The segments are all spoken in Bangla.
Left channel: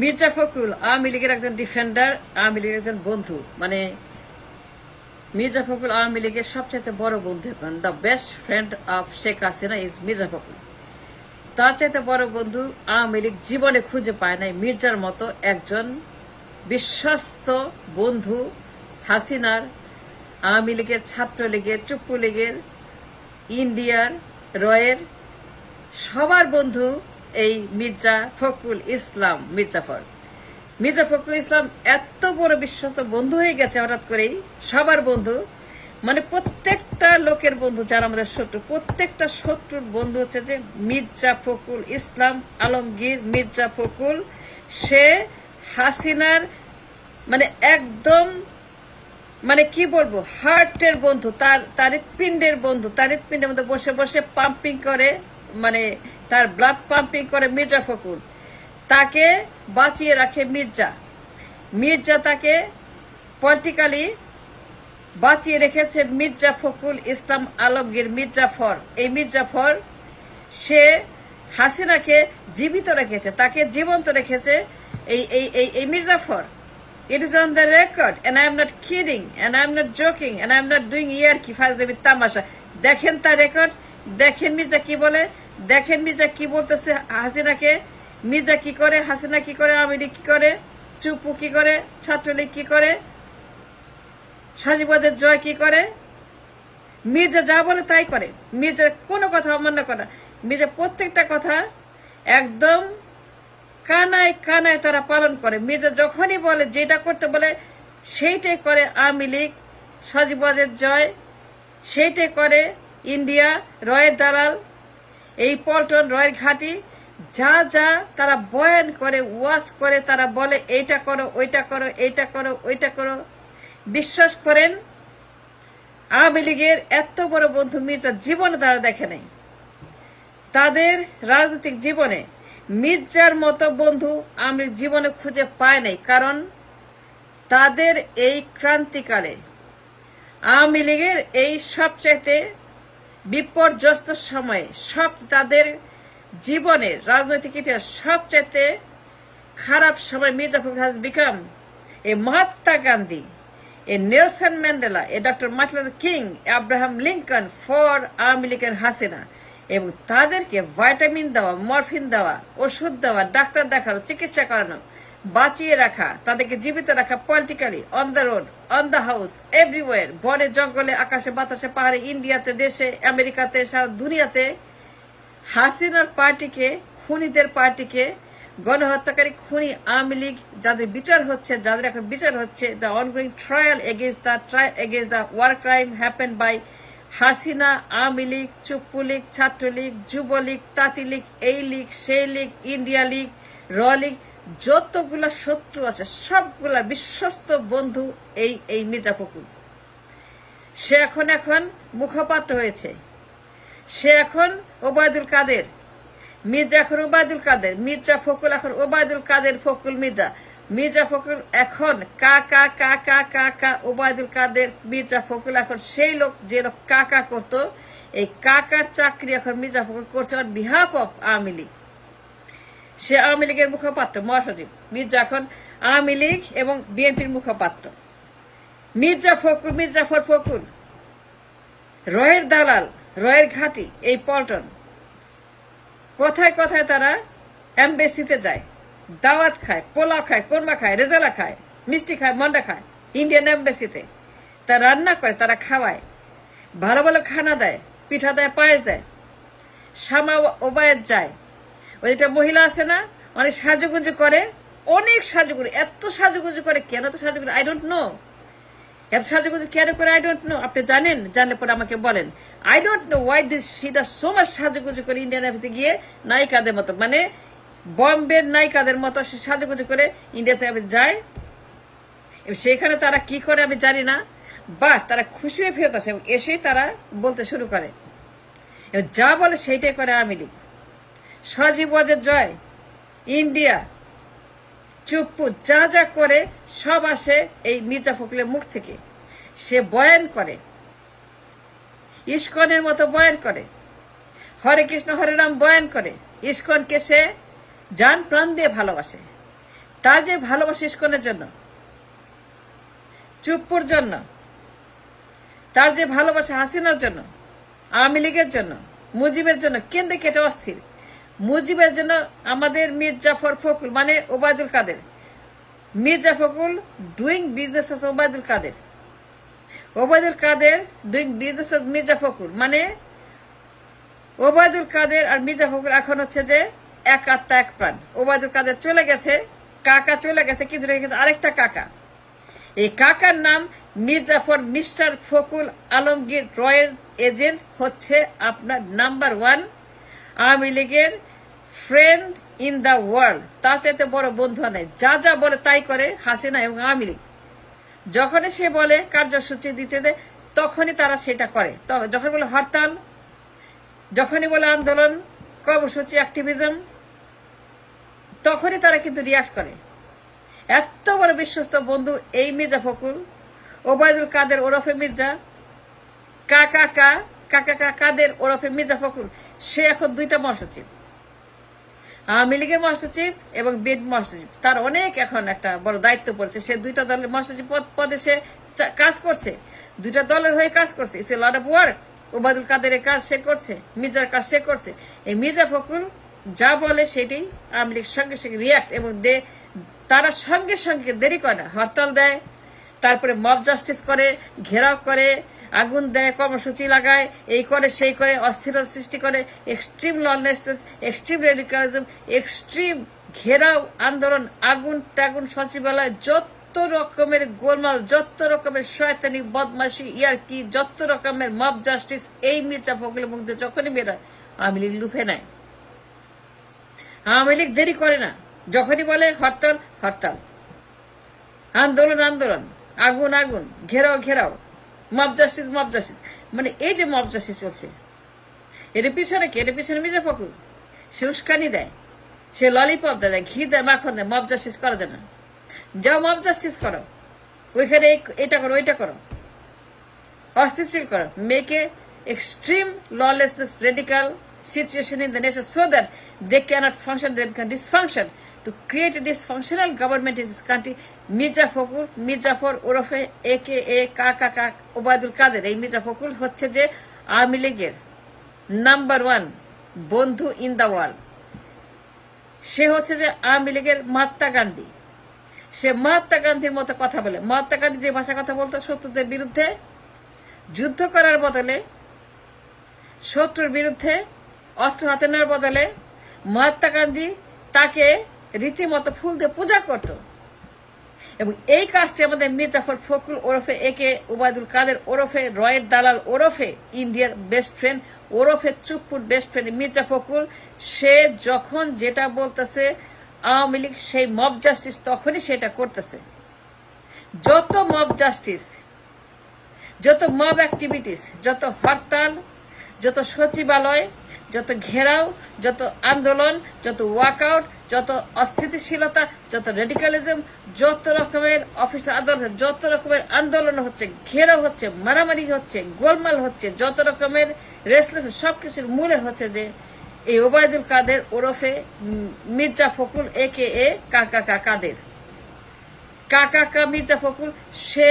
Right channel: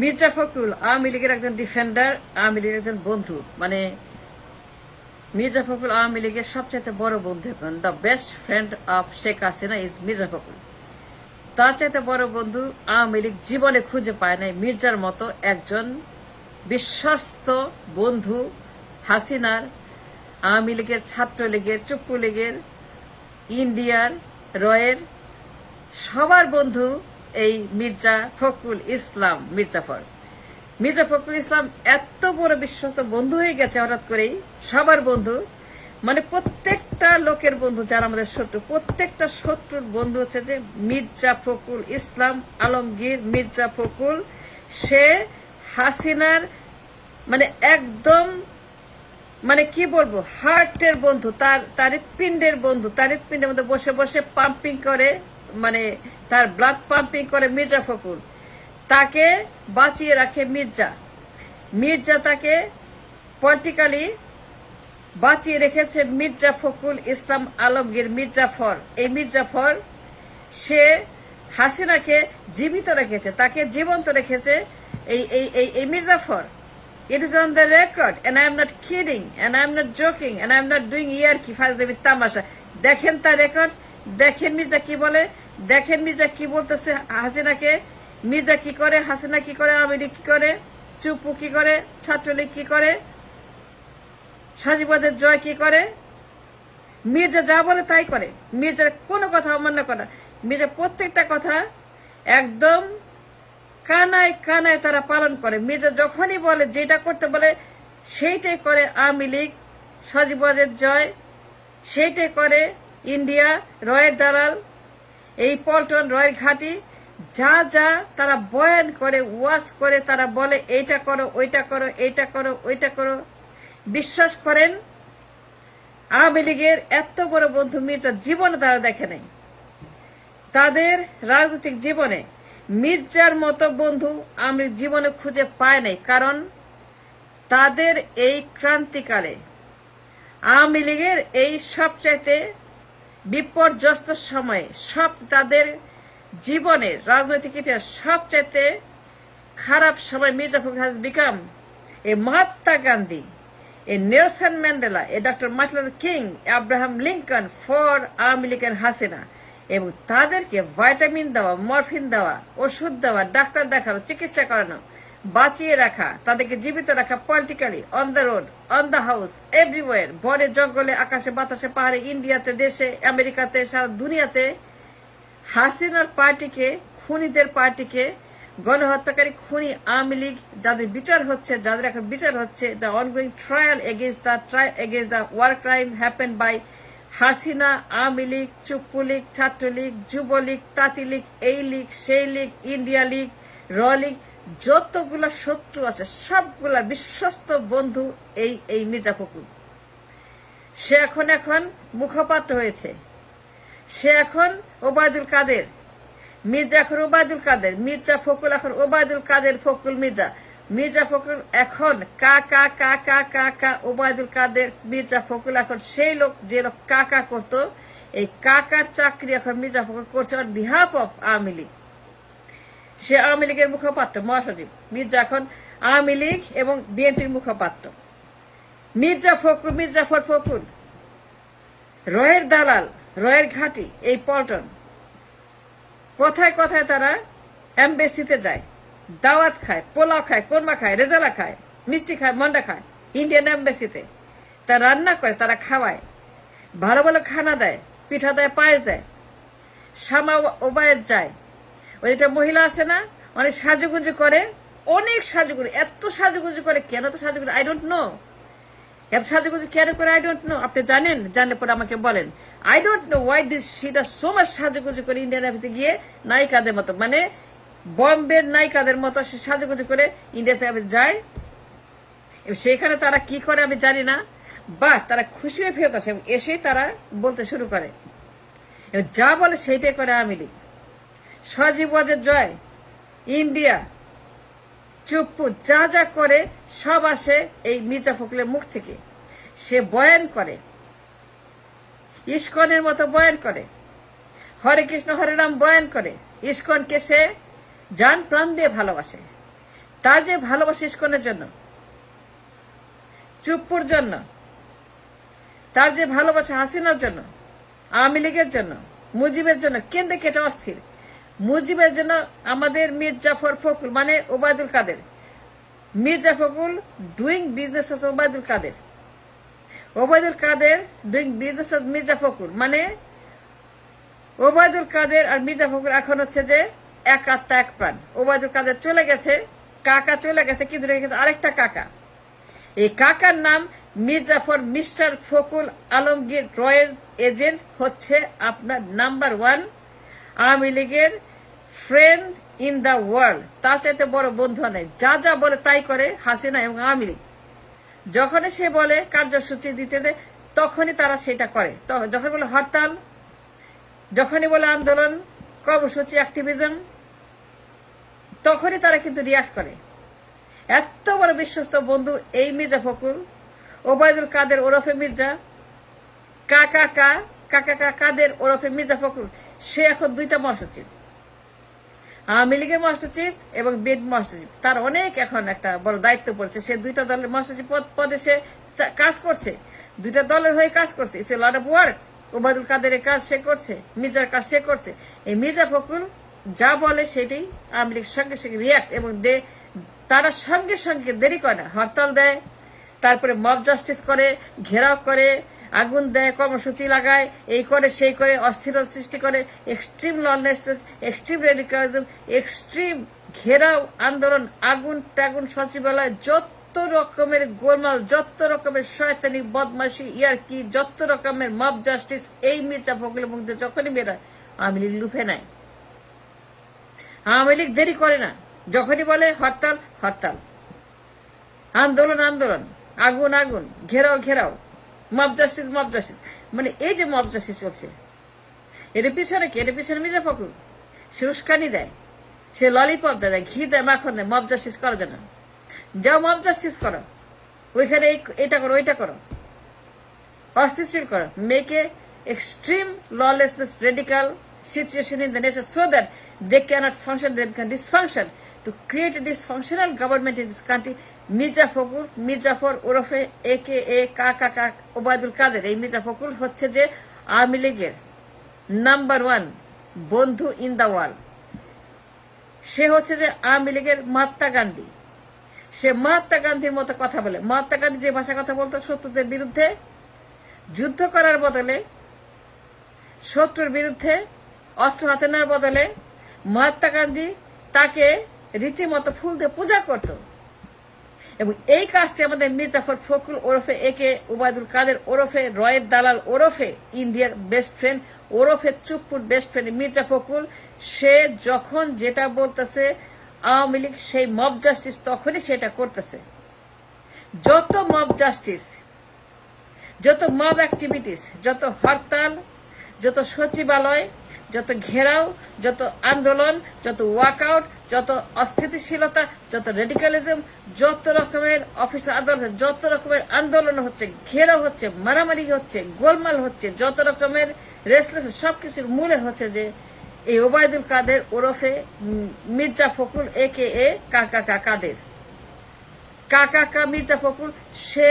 মির্জা ফখরুল আওয়ামী লীগের একজন ডিফেন্ডার, আওয়ামী লীগের একজন বন্ধু। মানে মির্জা ফখরুল আওয়ামী লীগের সবচেয়ে বড় বন্ধু এখন। The best friend of Sheikh Hasina is Mirza Fakhrul. তার চাইতে বড় বন্ধু আওয়ামী লীগ জীবনে খুঁজে পায় নাই মির্জার মতো একজন বিশ্বস্ত বন্ধু। হাসিনার, আওয়ামী লীগের, ছাত্রলীগের, চুপ্পু লীগের, ইন্ডিয়ার, রয়ের সবার বন্ধু এই মির্জা ফখরুল ইসলাম। মির্জা ফখরুল ইসলাম এত বড় বিশ্বস্ত বন্ধু হয়ে গেছে হঠাৎ করেই, সবার বন্ধু। মানে প্রত্যেকটা লোকের বন্ধু, যারা আমাদের শত্রু, প্রত্যেকটা শত্রুর বন্ধু হচ্ছে যে মির্জা ফখরুল ইসলাম আলমগীর। মির্জা ফখরুল সে হাসিনার মানে একদম মানে কি বলবো হার্টের বন্ধু, তার হৃৎপিণ্ডের বন্ধু। তার হৃৎপিণ্ডের মধ্যে বসে বসে পাম্পিং করে, মানে তার ব্লাড পাম্পিং করে মির্জা ফখরুল। তাকে বাঁচিয়ে রাখে মির্জা তাকে পলিটিক্যালি বাঁচিয়ে রেখেছে মির্জা ফখরুল ইসলাম আলমগীর, মির্জাফর। এই মির্জাফর সে হাসিনাকে জীবিত রেখেছে, তাকে জীবন্ত রেখেছে এই Mir Jafar. It is on the record, and I am not kidding, and I am not joking, and I am not doing ইয়ারকি ফাজলামি তামাশা। দেখেন তার রেকর্ড, দেখেন মির্জা কি বলে, দেখেন মির্জা কি বলতেছে হাসিনাকে। মির্জা কি করে, হাসিনা কি করে, আওয়ামী লীগ কি করে, চুপ্পু কি করে, ছাত্রলীগ কি করে, সজীবদের জয় কি করে। মির্জা যা বলে তাই করে। মির্জার কোনো কথা অমান্য করে। মির্জা প্রত্যেকটা কথা একদম কানায় কানায় তারা পালন করে। মির্জা যখনই বলে, যেটা করতে বলে সেইটাই করে। আওয়ামী লীগ, সজীবদের জয় সেইটাই করে। ইন্ডিয়া, রয়ের দালাল, এই পল্টন, রয়ের ঘাটি, যা যা তারা বয়ান করে, ওয়াজ করে, তারা বলে এইটা করো, ওইটা করো, এইটা করো, ওইটা করো। বিশ্বাস করেন, আওয়ামী লীগের এত বড় বন্ধু মির্জা জীবনে তারা দেখে নাই। তাদের রাজনৈতিক জীবনে মির্জার মতো বন্ধু আওয়ামী লীগ জীবনে খুঁজে পায় নাই। কারণ তাদের এই ক্রান্তিকালে, আওয়ামী লীগের এই সবচাইতে বিপর্যস্ত সময়ে, তাদের জীবনের রাজনৈতিক ইতিহাস সবচাইতে খারাপ সময়, Mirza Fakhrul has become a Mahatma Gandhi, A Nelson Mandela, a doctor Martin Luther king, Abraham Lincoln for Awami লীগের হাসিনা। এবং তাদেরকে ভাইটামিন দেওয়া, মরফিন দেওয়া, ওষুধ দেওয়া, ডাক্তার দেখানো, চিকিৎসা করানো, বাঁচিয়ে রাখা, তাদেরকে জীবিত রাখা politically, on the road, on the house, everywhere, বনে জঙ্গলে, আকাশে বাতাসে, পাহাড়ে, ইন্ডিয়াতে, দেশে, আমেরিকাতে, সারা দুনিয়াতে হাসিনার পার্টিকে, খুনিদের পার্টিকে, গণহত্যাকারী খুনি আওয়ামী লীগ যাদের বিচার হচ্ছে, যাদের এখন বিচার হচ্ছে, the ongoing trial against the war crime happen by Hasina, Awami League, Chuppu League, Chhatra League, Jubo League, তাঁতি লীগ, এই লীগ, সেই লীগ, ইন্ডিয়া লীগ, র লীগ, যতগুলা শত্রু আছে সবগুলা বিশ্বস্ত বন্ধু এই মির্জা ফখরুল। সে এখন মুখপাত্র হয়েছে। সে এখন ওবায়দুল কাদের। মির্জা এখন ওবায়দুল কাদের, মির্জা ফখরুল এখন ওবায়দুল কাদের ফখরুল মির্জা। মির্জা ফখরুল এখন কাকা কাকা কাকা ওবায়দুল কাদের। মির্জা ফখরুল এখন সেই লোক যে লোক কাকা করতো, এই কাকার চাকরি এখন মির্জা ফখরুল করছে on behalf of Awami League. সে আওয়ামী লীগের মুখপাত্র, মহাসচিব। মির্জা এখন আওয়ামী লীগ এবং বিএনপির মুখপাত্র। মির্জাফর ফখরুল রয়ের দালাল, রয়ের ঘাটি, এই পল্টন। কথায় কথায় তারা এমবেসিতে যায়, দাওয়াত খায়, পোলাও খায়, কোরমা খায়, রেজালা খায়, মিষ্টি খায়, মন্ডা খায়। ইন্ডিয়ান এমবেসিতে তারা রান্না করে, তারা খাওয়ায়, ভালো ভালো খানা দেয়, পিঠা দেয়, পায়েস দেয়। শামা ওবায়দ যায়, ওই একটা মহিলা আছে না, অনেক সাজুগুজু করে, অনেক সাজুগুজু, এত সাজুগুজু করে কেন? তো সাজুগুজু আই ডোন্ট নো, এত সাজুগুজু কেন করে আই ডোন্ট নো। আপনি জানেন? জানলে পরে আমাকে বলেন। I don't know why did she does so much সাজুগুজু করে ইন্ডিয়ান এমবেসিতে গিয়ে, নায়িকাদের মতো, মানে বম্বের নায়িকাদের মতো সে সাজুগুজু করে ইন্ডিয়াতে যায়। সেখানে তারা কি করে আমি জানি না, বা তারা খুশি হয়ে ফেরত আসে, এসেই তারা বলতে শুরু করে, যা বলে সেইটাই করে আওয়ামী লীগ। সজীবদের জয়, ইন্ডিয়া, চুপ্পু, যা যা করে সব আসে এই মির্জা ফখরুলের মুখ থেকে। সে বয়ান করে, ইস্কনের মতো বয়ান করে, হরে কৃষ্ণ হরে রাম বয়ান করে। ইস্কনকে সে জান প্রাণ দিয়ে ভালোবাসে। তার যে ভালোবাসা ইস্কনের জন্য, চুপ্পুর জন্য, তার যে ভালোবাসা হাসিনার জন্য, আওয়ামী লীগের জন্য, মুজিবের জন্য, কেন্দ্রে কেটে অস্থির। মুজিবের জন্য আমাদের মীর জাফর ফখরুল মানে Obaidul Quader, Mir Jafar Fakhrul doing business as Obaidul Quader, Obaidul Quader doing business as Mir Jafar Fakhrul, মানে ওবায়দুল কাদের আর মীর জাফর ফখরুল এখন হচ্ছে যে এক আত্মা এক প্রাণ। ওবায়দুল কাদের চলে গেছে, কাকা চলে গেছে, কিন্তু রেখে গেছে আরেকটা কাকা। এই কাকার নাম মীর জাফর মিস্টার ফখরুল আলমগীর রয়ের এজেন্ট, হচ্ছে আপনার নাম্বার 1 আওয়ামী লীগের ফ্রেন্ড ইন দ্য ওয়ার্ল্ড। তার চাইতে বড় বন্ধু নাই। যা যা বলে তাই করে হাসিনা এবং আওয়ামী লীগ। যখনই সে বলে কার্যসূচি দিতে দেয় তখনই তারা সেটা করে। যখন বলে হরতাল, যখনই বলে আন্দোলন, কর্মসূচি, অ্যাক্টিভিজম, তখনই তারা কিন্তু রিয়াক্ট করে। এত বড় বিশ্বস্ত বন্ধু এই মির্জা ফখরুল, ওবায়দুল কাদের ওরফে মির্জা, কাকা কাদের ওরফে মির্জা ফখরুল, সে এখন 2টা মহাসচিব, আওয়ামী লীগের মহাসচিব এবং বিএনপি মহাসচিব। তার অনেক এখন একটা বড় দায়িত্ব পড়ছে। সে 2টা দলের মহাসচিব পদে সে কাজ করছে, 2টা দলের হয়ে কাজ করছে। It's a lot of work. Obaidul কাদেরের কাজ সে করছে, মির্জার কাজ সে করছে। এই মির্জা ফখরুল যা বলে সেটাই আওয়ামী লীগ সঙ্গে সঙ্গে রিয়াক্ট, এবং তারা সঙ্গে সঙ্গে দেরি করে না, হরতাল দেয়, তারপরে মব জাস্টিস করে, ঘেরাও করে, আগুন দেয়, কর্মসূচি লাগায়, এই করে সেই করে, অস্থিরতা সৃষ্টি করে, এক্সট্রিম লনেসনেস, এক্সট্রিম রেডিকালিজম, এক্সট্রিম ঘেরাও আন্দোলন, আগুন টাগুন, সচিবালয়, যত রকমের গোলমাল, যত রকমের শয়তানি, বদমাশি, ইয়ারকি, যত রকমের মব জাস্টিস, এই মির্জা ফখরুলের মধ্যে যখনই বেরোয় আওয়ামী লীগ লুফে নেয়। আওয়ামী লীগ দেরি করে না, যখনই বলে হরতাল হরতাল, আন্দোলন আন্দোলন, আগুন আগুন, ঘেরাও ঘেরাও, মব জাস্টিস মব জাস্টিস। মানে এই যে মব জাস্টিস চলছে, এর পিছনে কি? এর পিছনে মির্জা ফখরুল। সে উস্কানি দেয়, সে ললিপপ দেয়, ঘি দেয়, মাখন দেয়। মব জাস্টিস করা যায় না, যাও মব জাস্টিস করো, ওইখানে এটা করো, ওইটা করো, অস্থিতিশীল করো, make a extreme lawlessness, radical situation in the nation so that they cannot function, they can dysfunction. To create a dysfunctional government in this country, Mirza Fakhrul, Mir Jafar ওরফে AKA কাকা ওবায়দুল কাদের, এই মির্জা ফখরুল হচ্ছে যে আওয়ামী লীগের নাম্বার 1 বন্ধু ইন দ্য ওয়ার্ল্ড। সে হচ্ছে যে আওয়ামী লীগের মহাত্মা গান্ধী। সে মহাত্মা গান্ধীর মতো কথা বলে। মহাত্মা গান্ধী যে ভাষা কথা বলতো, শত্রুদের বিরুদ্ধে যুদ্ধ করার বদলে, শত্রুর বিরুদ্ধে অস্ত্র হাতে নেওয়ার বদলে মহাত্মা গান্ধী তাকে রীতিমতো ফুল দিয়ে পূজা করত। এবং এই কাজটি আমাদের মীর জাফর ফখরুল ওরফে একে ওবায়দুল কাদের ওরফে রয়ের দালাল ওরফে ইন্ডিয়ার বেস্ট ফ্রেন্ড ওরফে চুপ্পুর বেস্ট ফ্রেন্ড মির্জা ফখরুল, সে যখন যেটা বলতেছে আওয়ামী লীগ সেই মব জাস্টিস তখনই সেটা করতেছে। যত মব জাস্টিস, যত মব অ্যাক্টিভিটিস, যত হরতাল, যত সচিবালয়, যত ঘেরাও, যত আন্দোলন, যত ওয়াকআউট, যত অস্থিতিশীলতা, যত রেডিকালিজম, যত রকমের অফিস আদালত, যত রকমের আন্দোলন হচ্ছে, ঘেরাও হচ্ছে, মারামারি হচ্ছে, গোলমাল হচ্ছে, যত রকমের রেসলেস, সবকিছুর মূলে হচ্ছে যে এই ওবায়দুল কাদের ওরফে মির্জা ফখরুল AKA কাকা কাদের। কাকা মির্জা ফখরুল সে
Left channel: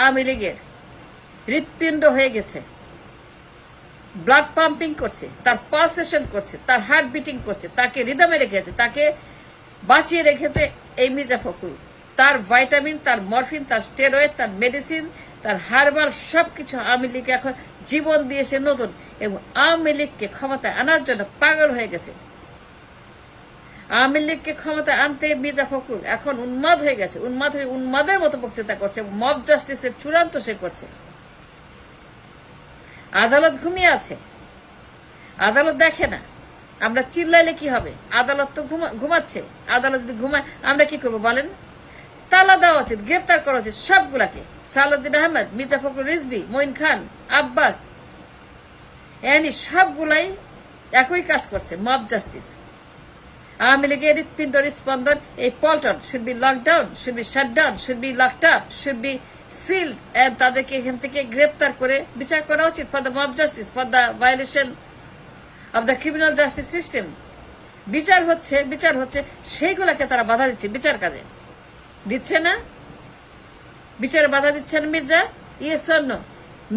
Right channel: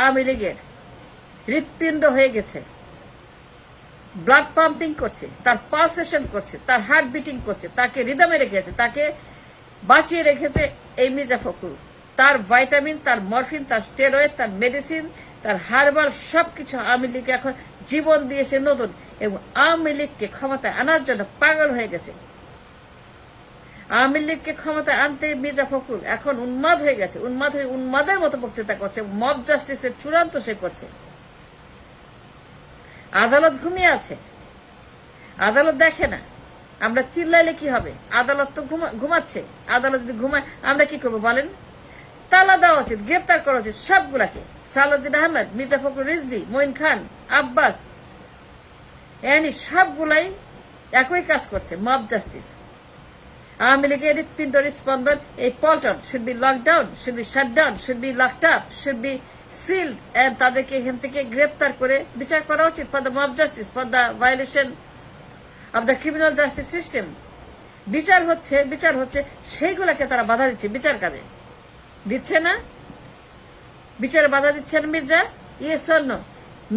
আওয়ামী লীগের হৃৎপিণ্ড হয়ে গেছে, ব্লাড পাম্পিং করছে, তার পালসেশন করছে, তার হার্ট বিটিং করছে, তাকে রিদমে রেখেছে, তাকে বাঁচিয়ে রেখেছে এই মির্জা ফখরুল। তার ভাইটামিন, তার মরফিন, তার স্টেরয়েড, তার মেডিসিন, তার হারবাল সবকিছু আওয়ামী লীগকে এখন জীবন দিয়েছে নতুন, এবং আওয়ামী লীগকে ক্ষমতায় আনার জন্য পাগল হয়ে গেছে। আওয়ামী লীগকে ক্ষমতায় আনতে মির্জা ফখরুল এখন উন্মাদ হয়ে গেছে, উন্মাদ হয়ে উন্মাদের মতো বক্তৃতা করছে, মব জাস্টিসের চূড়ান্ত সে করছে। আদালত ঘুমিয়ে আছে, আদালত দেখে না। আমরা চিল্লাইলে কি হবে? আদালত তো ঘুমাচ্ছে। আদালত যদি ঘুমায় আমরা কি করবো বলেন? তালা দেওয়া উচিত, গ্রেপ্তার করা উচিত সবগুলাকে। সালাউদ্দিন আহমেদ, মির্জা ফখরুল রিজভী, মঈন খান, আব্বাস, এনি সবগুলাই একই কাজ করছে, মব জাস্টিস। আওয়ামী লীগের হৃৎপিণ্ড স্পন্দন, এই Paltan should be lockdown, should be shutdown, should be locked up, should be sealed, and তাদেরকে এখান থেকে গ্রেপ্তার করে বিচার করা উচিত for the mob justice, for the violation of the criminal justice system. বিচার হচ্ছে সেইগুলাকে তারা বাধা দিচ্ছে, বিচার কাজে দিচ্ছে না, বিচারে বাধা দিচ্ছে না মির্জা। স্বর্ণ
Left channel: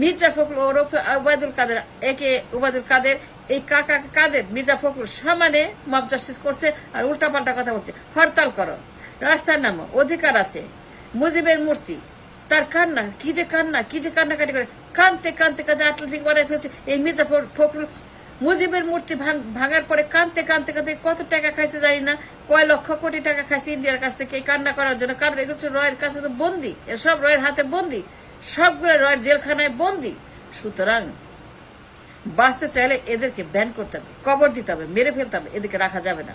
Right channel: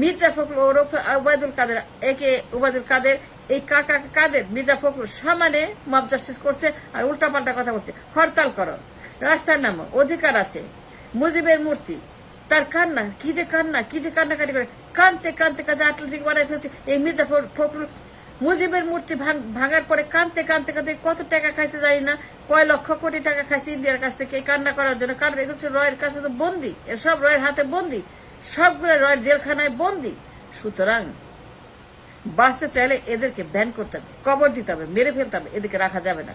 মির্জা ফখরুল ওরফে ওবায়দুল কাদের, একে ওবায়দুল কাদের, এই কাকা কাদের মির্জা ফখরুল সামনে মব জাস্টিস করছে আর উল্টাপাল্টা কথা বলছে। হরতাল করো, রাস্তার নামো, অধিকার আছে। মুজিবের মূর্তি, তার কান্না, কি যে কান্নাকাটি করে, কানতে অ্যাথলেটিক বানায় ফেলছে এই মির্জা ফখরুল। মুজিবের মূর্তি ভাঙার পরে কানতে কত টাকা খাইছে জানি না, কয় লক্ষ কোটি টাকা খাইছে ইন্ডিয়ার কাছ থেকে এই কান্না করার জন্য। কারণ এগুলো রয়ের কাছে তো বন্দি, এসব রয়ের হাতে বন্দি, সবগুলো রয়ের জেলখানায় বন্দি। সুতরাং বাঁচতে চাইলে এদেরকে ব্যান করতে হবে, কবর দিতে হবে, মেরে ফেলতে হবে, এদেরকে রাখা যাবে না।